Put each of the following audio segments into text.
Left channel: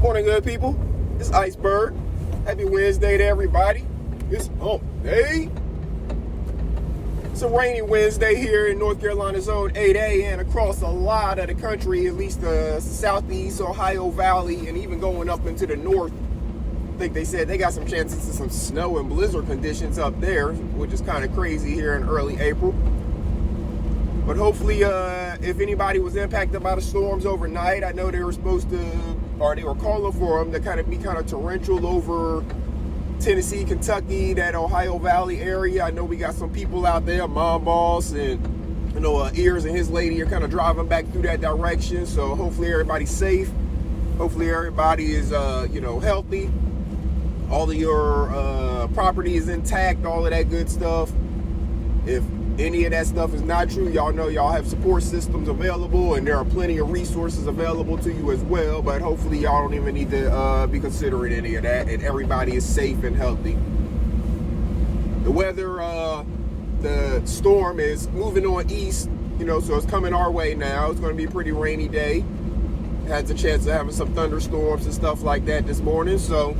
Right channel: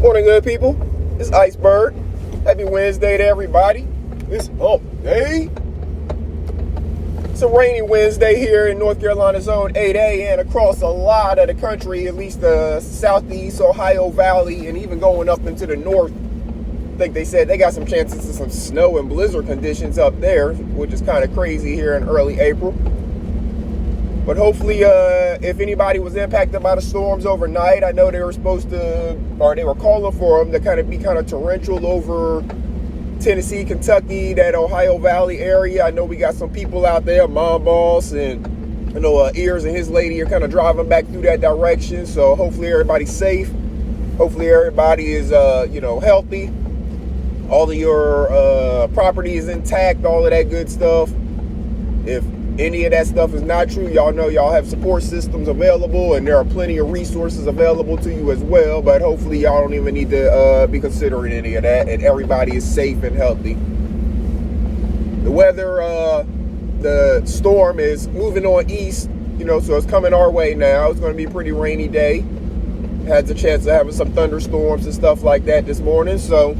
Morning, good people. It's Iceberg. Happy Wednesday to everybody. It's hump day. It's a rainy Wednesday here in North Carolina Zone 8A and across a lot of the country, at least the southeast Ohio Valley and even going up into the north. I think they said they got some chances of some snow and blizzard conditions up there, which is kind of crazy here in early April. But hopefully, if anybody was impacted by the storms overnight, I know they were supposed to, or they were calling for them to kind of be kind of torrential over Tennessee, Kentucky, that Ohio Valley area. I know we got some people out there, Mom Boss and I know Ears and his lady are kind of driving back through that direction. So hopefully everybody's safe. Hopefully everybody is, healthy. All of your property is intact, all of that good stuff. If any of that stuff is not true, y'all know y'all have support systems available and there are plenty of resources available to you as well, but hopefully y'all don't even need to be considering any of that and everybody is safe and healthy. The weather, the storm is moving on east, so it's coming our way now. It's going to be a pretty rainy day. Had the chance of having some thunderstorms and stuff like that this morning, so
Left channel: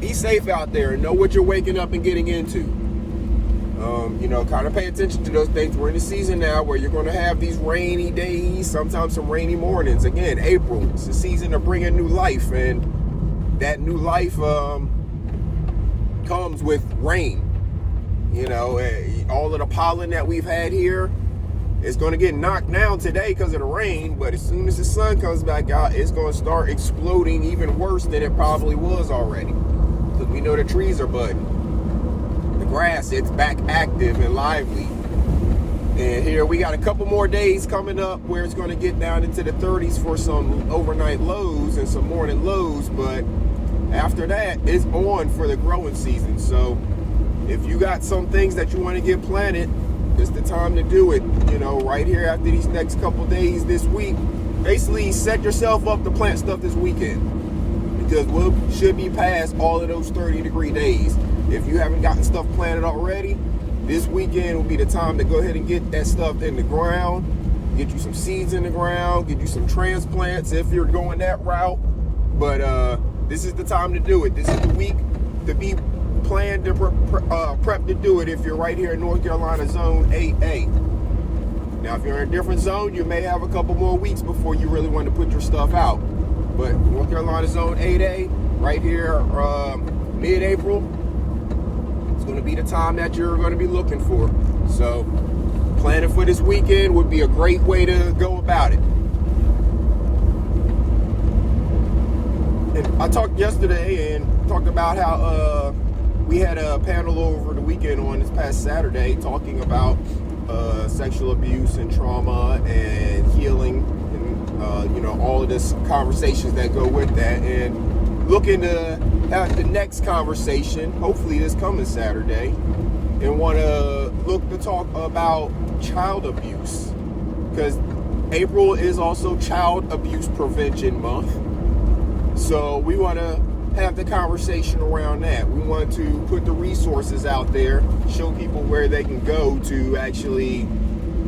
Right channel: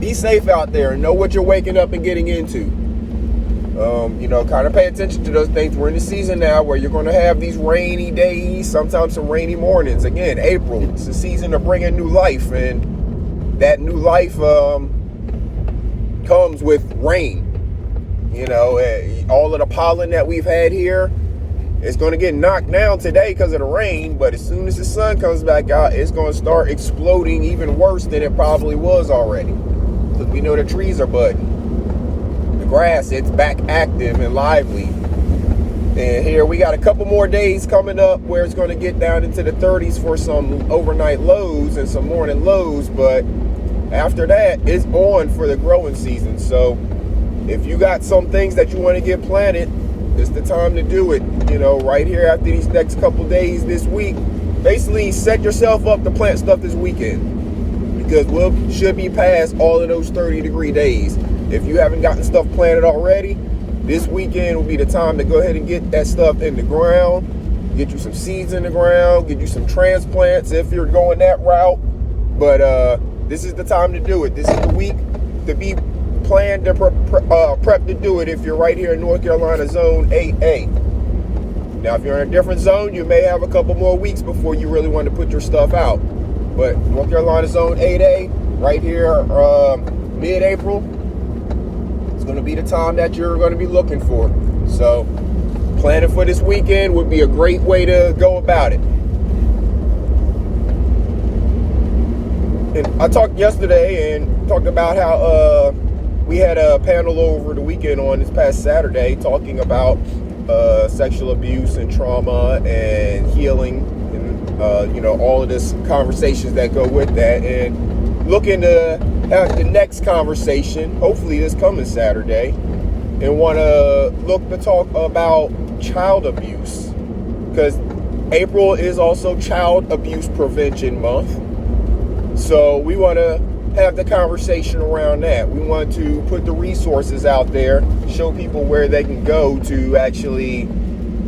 be safe out there and know what you're waking up and getting into. Kind of pay attention to those things. We're in the season now where you're going to have these rainy days, sometimes some rainy mornings. Again, April, it's the season of bringing new life, and that new life comes with rain. All of the pollen that we've had here is going to get knocked down today because of the rain, but as soon as the sun comes back out, it's going to start exploding even worse than it probably was already, because we know the trees are budding. Grass, it's back active and lively, and here we got a couple more days coming up where it's going to get down into the 30s for some overnight lows and some morning lows, but after that it's on for the growing season. So if you got some things that you want to get planted, it's the time to do it. Right here after these next couple days this week, basically set yourself up to plant stuff this weekend, because we should be past all of those 30-degree days. If you haven't gotten stuff planted already, this weekend will be the time to go ahead and get that stuff in the ground, get you some seeds in the ground, get you some transplants if you're going that route. But this is the time to do it. This is the week to be planned to prep to do it if you're right here in North Carolina Zone 8A. Now, if you're in a different zone, you may have a couple more weeks before you really want to put your stuff out. But North Carolina Zone 8A, right here, mid-April, going to be the time that you're going to be looking for. So planning for this weekend would be a great way to go about it. And I talked yesterday and talked about how we had a panel over the weekend on this past Saturday talking about sexual abuse and trauma and healing and all of this conversations that go with that, and looking to have the next conversation, hopefully this coming Saturday, and want to look to talk about child abuse, because April is also Child Abuse Prevention Month. So we want to have the conversation around that. We want to put the resources out there, show people where they can go to actually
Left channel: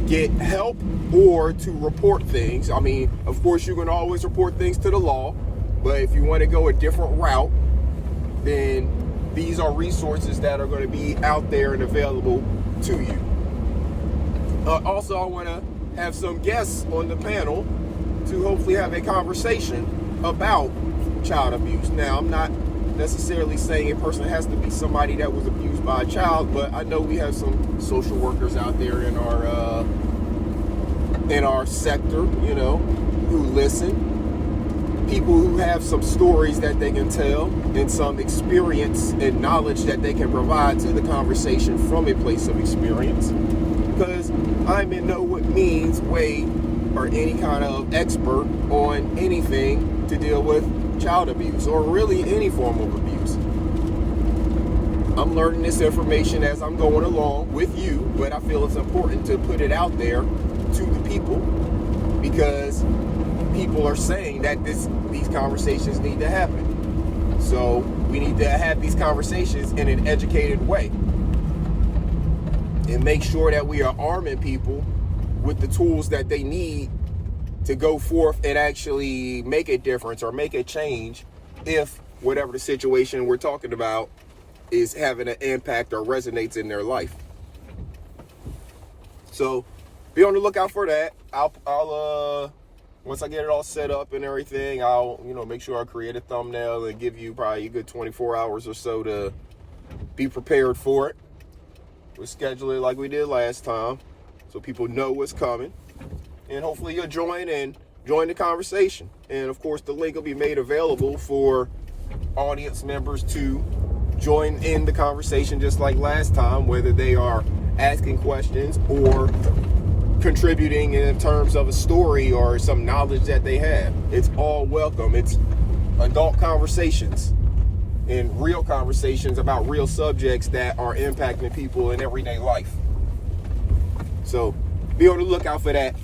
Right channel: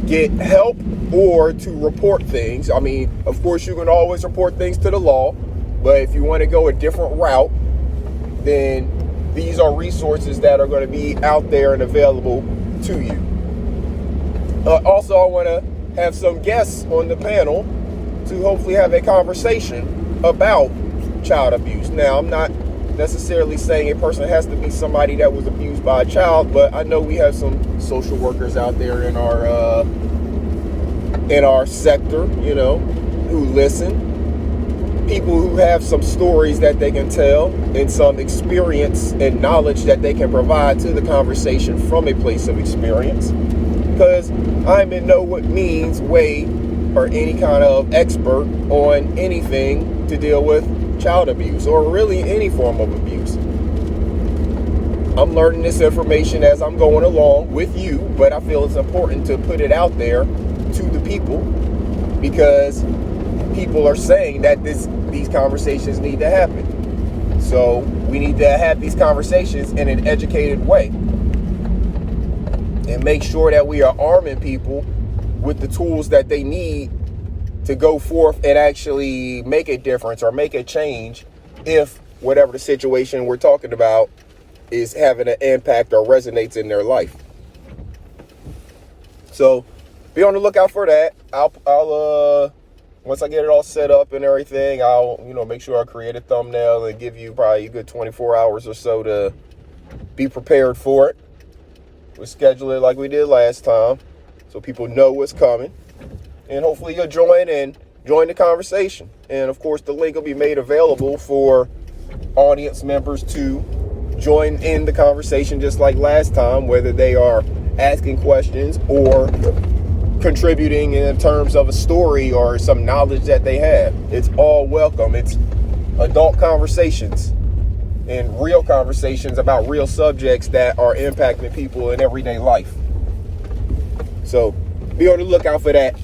get help or to report things. I mean, of course, you can always report things to the law, but if you want to go a different route, then these are resources that are going to be out there and available to you. Also, I want to have some guests on the panel to hopefully have a conversation about child abuse. Now, I'm not necessarily saying a person has to be somebody that was abused by a child, but I know we have some social workers out there in our sector, who listen. People who have some stories that they can tell and some experience and knowledge that they can provide to the conversation from a place of experience. Because I'm in no means way or any kind of expert on anything to deal with child abuse or really any form of abuse. I'm learning this information as I'm going along with you, but I feel it's important to put it out there to the people, because people are saying that these conversations need to happen. So we need to have these conversations in an educated way and make sure that we are arming people with the tools that they need to go forth and actually make a difference or make a change if whatever the situation we're talking about is having an impact or resonates in their life. So be on the lookout for that. I'll once I get it all set up and everything, I'll, make sure I create a thumbnail and give you probably a good 24 hours or so to be prepared for it. We'll schedule it like we did last time so people know what's coming. And hopefully you'll join the conversation. And of course, the link will be made available for audience members to join in the conversation just like last time, whether they are asking questions or contributing in terms of a story or some knowledge that they have. It's all welcome. It's adult conversations and real conversations about real subjects that are impacting people in everyday life. So be on the lookout for that.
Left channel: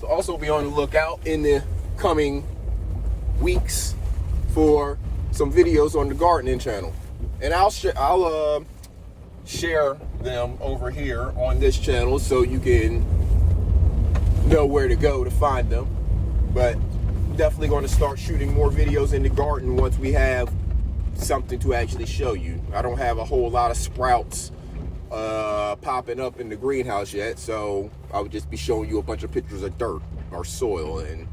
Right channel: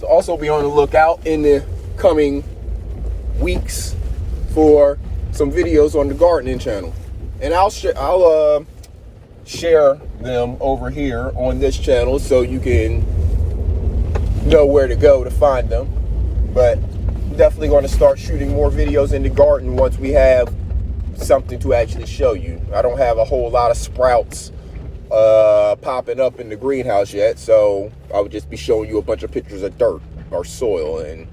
So also be on the lookout in the coming weeks for some videos on the gardening channel. And I'll share them over here on this channel so you can know where to go to find them. But definitely going to start shooting more videos in the garden once we have something to actually show you. I don't have a whole lot of sprouts popping up in the greenhouse yet, so I would just be showing you a bunch of pictures of dirt or soil, and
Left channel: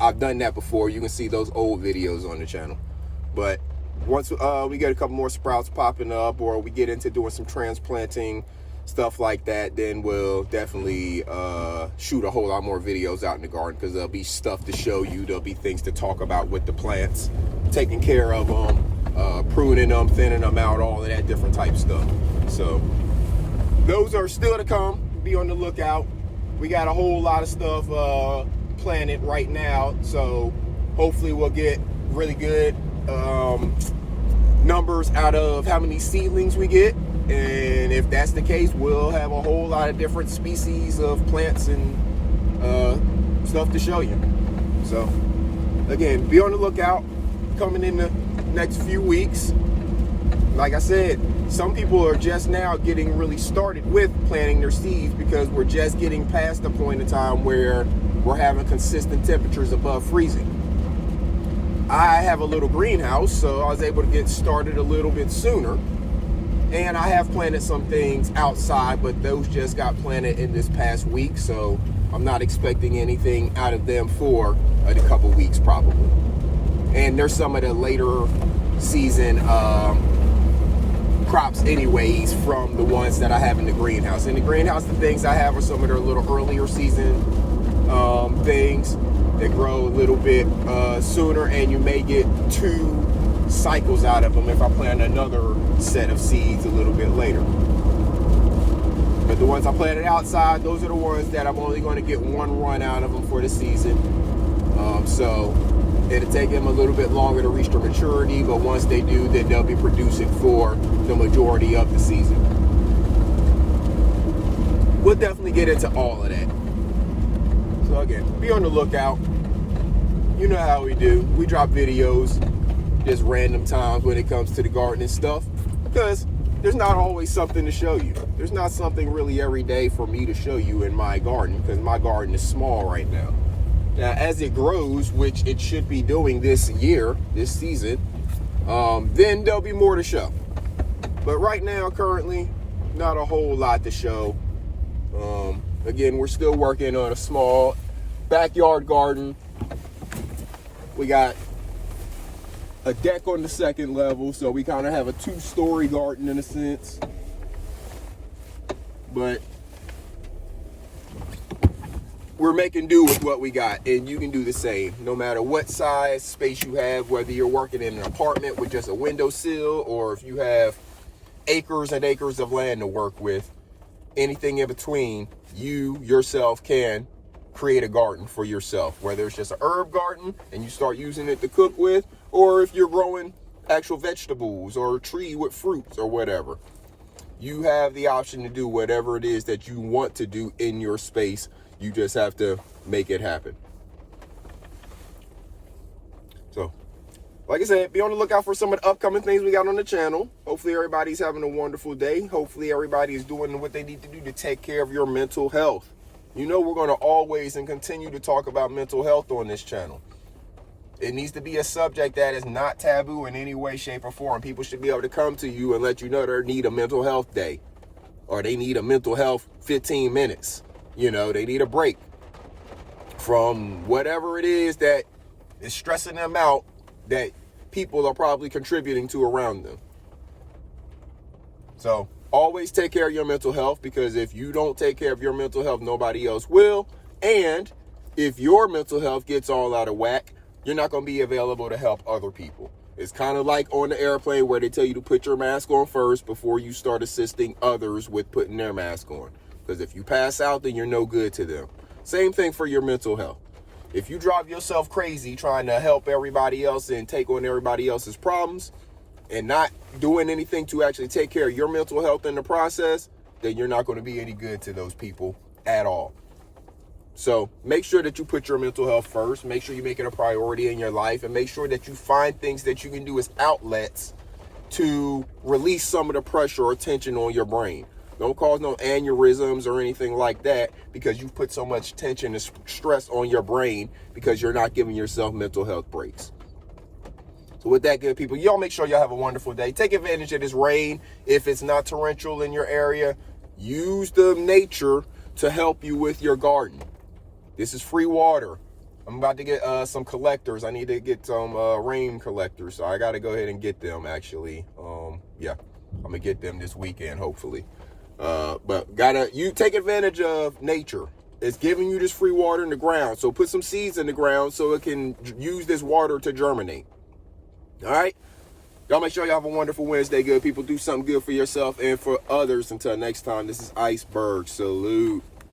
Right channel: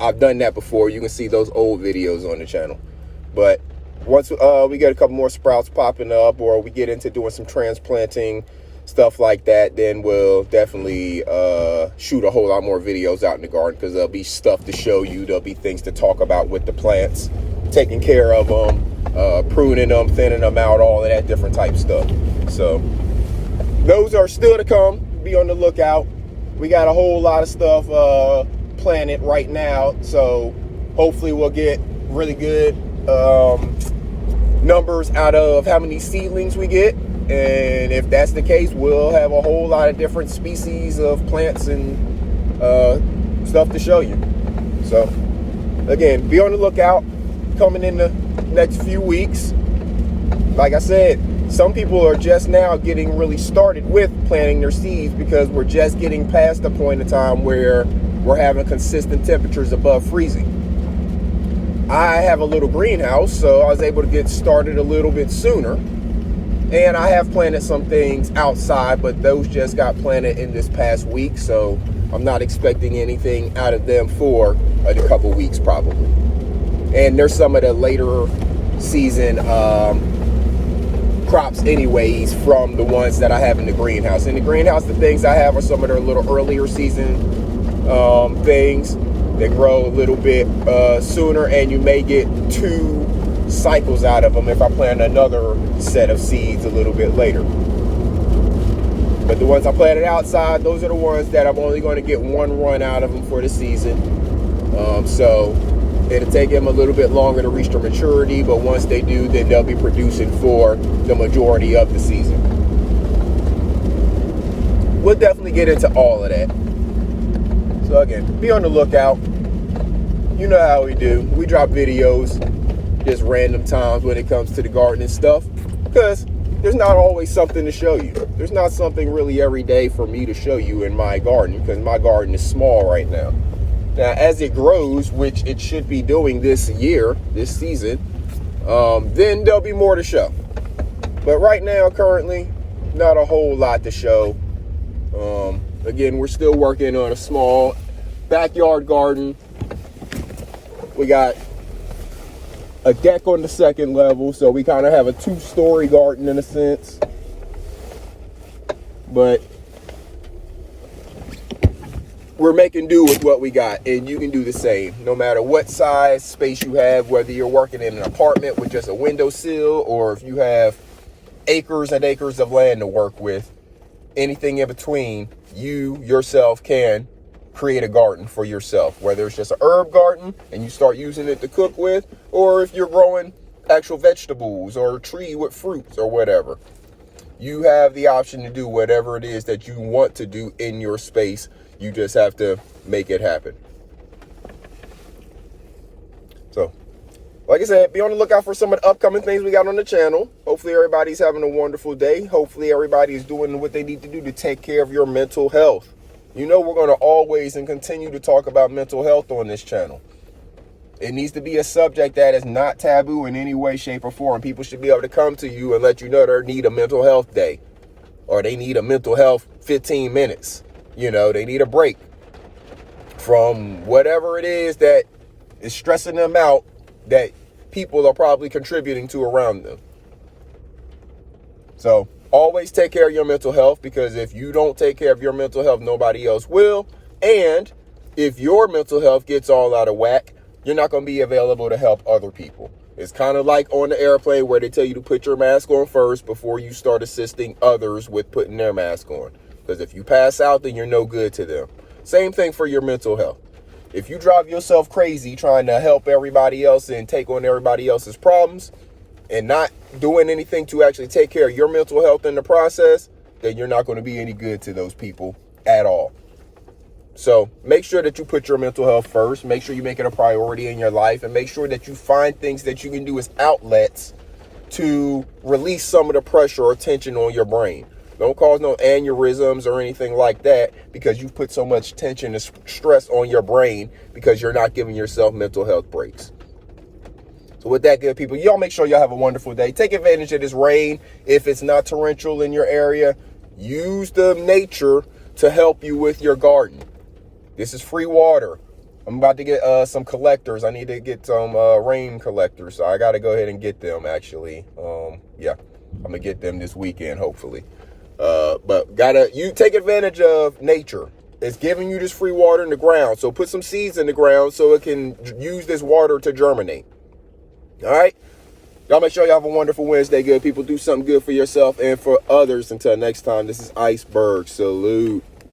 I've done that before. You can see those old videos on the channel. But once we get a couple more sprouts popping up, or we get into doing some transplanting, stuff like that, then we'll definitely shoot a whole lot more videos out in the garden, because there'll be stuff to show you. There'll be things to talk about with the plants, taking care of them, pruning them, thinning them out, all of that different type stuff. So those are still to come. Be on the lookout. We got a whole lot of stuff planted right now, so hopefully we'll get really good numbers out of how many seedlings we get. And if that's the case, we'll have a whole lot of different species of plants and stuff to show you. So again, be on the lookout coming in the next few weeks. Like I said, some people are just now getting really started with planting their seeds, because we're just getting past the point in time where we're having consistent temperatures above freezing. I have a little greenhouse, so I was able to get started a little bit sooner. And I have planted some things outside, but those just got planted in this past week, so I'm not expecting anything out of them for a couple weeks probably. And there's some of the later season crops anyways from the ones that I have in the greenhouse. In the greenhouse, the things I have are some of their little earlier season things that grow a little bit sooner, and you may get 2 cycles out of them if I plant another set of seeds a little bit later. But the ones I planted outside, those are the ones that I'm only going to get 1 run out of them for the season. So it'll take them a little bit longer to reach their maturity, but once they do, then they'll be producing for the majority of the season. We'll definitely get into all of that. So again, be on the lookout. You know how we do. We drop videos just random times when it comes to the gardening stuff, because there's not always something to show you. There's not something really every day for me to show you in my garden, because my garden is small right now. Now, as it grows, which it should be doing this year, this season, then there'll be more to show. But right now, currently, not a whole lot to show. Again, we're still working on a small backyard garden. We got a deck on the second level, so we kind of have a 2-story garden in a sense. But we're making do with what we got, and you can do the same. No matter what size space you have, whether you're working in an apartment with just a windowsill, or if you have acres and acres of land to work with, anything in between, you yourself can create a garden for yourself, whether it's just an herb garden and you start using it to cook with, or if you're growing actual vegetables or a tree with fruits or whatever. You have the option to do whatever it is that you want to do in your space. You just have to make it happen. So, like I said, be on the lookout for some of the upcoming things we got on the channel. Hopefully everybody's having a wonderful day. Hopefully everybody is doing what they need to do to take care of your mental health. You know we're going to always and continue to talk about mental health on this channel. It needs to be a subject that is not taboo in any way, shape, or form. People should be able to come to you and let you know they need a mental health day, or they need a mental health 15 minutes. You know, they need a break from whatever it is that is stressing them out that people are probably contributing to around them. So always take care of your mental health, because if you don't take care of your mental health, nobody else will. And if your mental health gets all out of whack, you're not going to be available to help other people. It's kind of like on the airplane where they tell you to put your mask on first before you start assisting others with putting their mask on. Because if you pass out, then you're no good to them. Same thing for your mental health. If you drive yourself crazy trying to help everybody else and take on everybody else's problems and not doing anything to actually take care of your mental health in the process, then you're not going to be any good to those people at all. So make sure that you put your mental health first. Make sure you make it a priority in your life, and make sure that you find things that you can do as outlets to release some of the pressure or tension on your brain. Don't cause no aneurysms or anything like that, because you've put so much tension and stress on your brain because you're not giving yourself mental health breaks. So with that, good people, y'all make sure y'all have a wonderful day. Take advantage of this rain. If it's not torrential in your area, use the nature to help you with your garden. This is free water. I'm about to get some collectors. I need to get some rain collectors. So I got to go ahead and get them, actually. Yeah, I'm going to get them this weekend, hopefully. But you take advantage of nature. It's giving you this free water in the ground. So put some seeds in the ground so it can use this water to germinate. All right? Y'all make sure y'all have a wonderful Wednesday, good people. Do something good for yourself and for others. Until next time, this is Iceberg. Salute.